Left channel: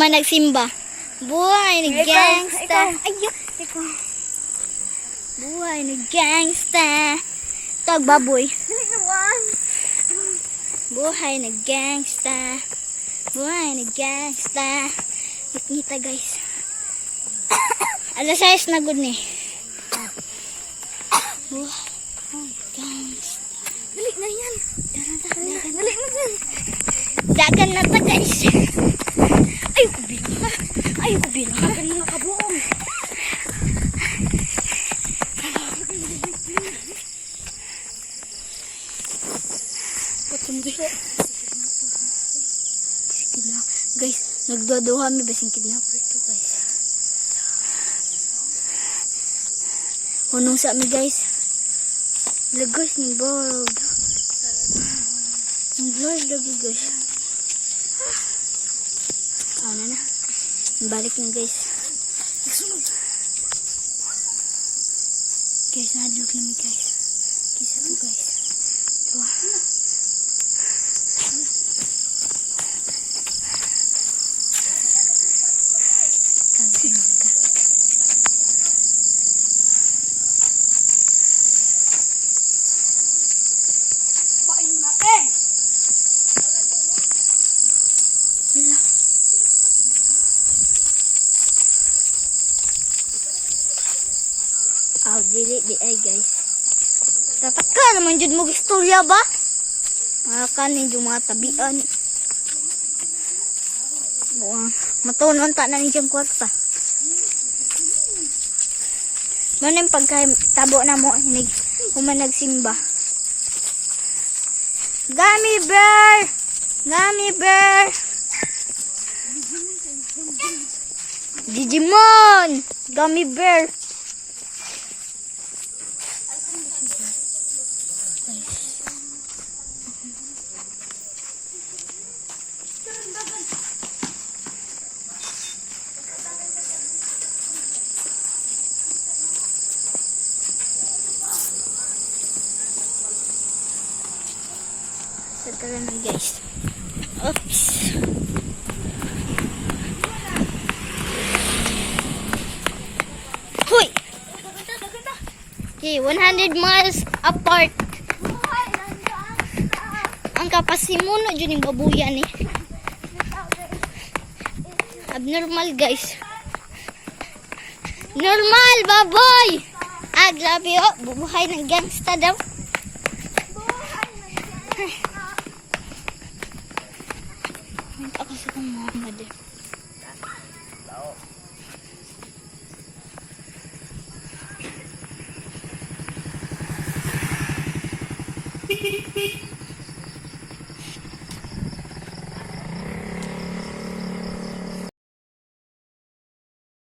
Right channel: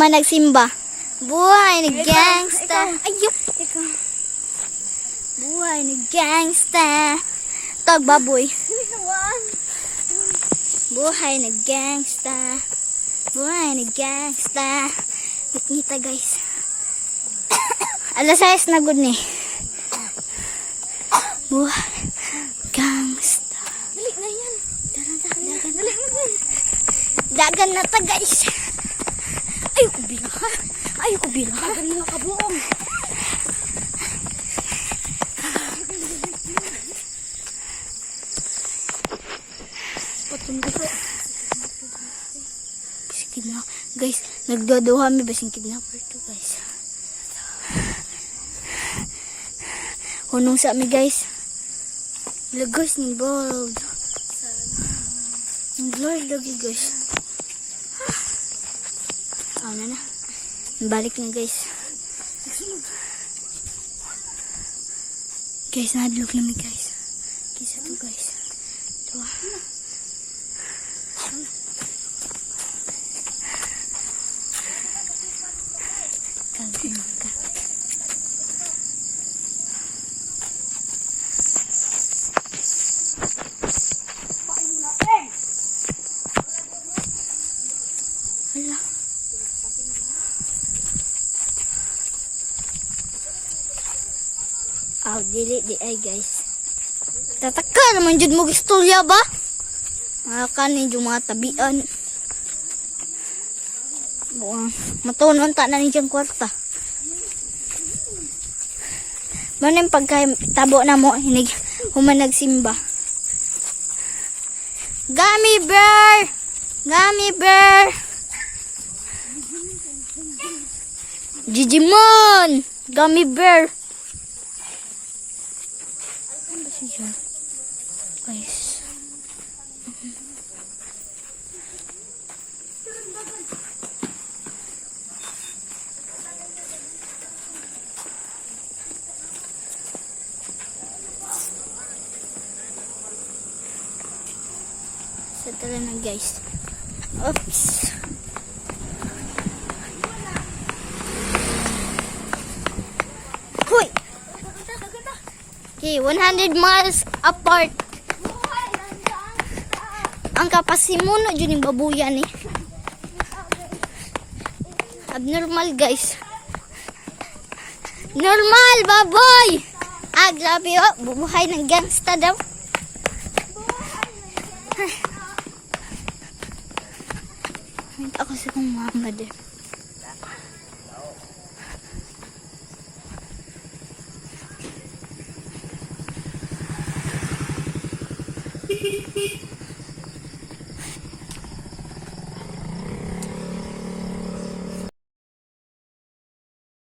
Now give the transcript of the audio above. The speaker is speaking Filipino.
Human nagsimba. Buhay ni gangsta. Ayun. Buhay ni gangsta. Tag baboy. Buhay ni gangsta. Buhay ni gangsta. Kita guys. Alas 6 na good ni. Buhay gangsta. Dali na yan. Dali na. Dagan na ta guys. Ayoko bilang. Ayoko bilang. Dagan na kabuong. Guys, nagdodoha mi basing kidnapper to guys. Hunong sa mi guys. Lagos ni bog. Ang blurred lagi guys. Ano na. Balik na guys. Guys, nadlog na mi guys. Kisa to guys. Dua. Wala. Dili di ay guys. Tataka naman jud mo istorya ba? Makanin yung mga tabian. Matunon ta na ni dyan kwarta. Manim pagkatabo na mo, hinig human nagsimba. Gummy bear! Gummy bear! Digimon! Gummy bear! Guys. Ito lang guys. Oops. Hoy! Okay, 100 miles apart. Ang kapasimuno dyan yung babuyan eh. Abnormal guys. Normal baboy! Grabe oh. Bubuhay ng gangsta daw. Ako sa kong mga din.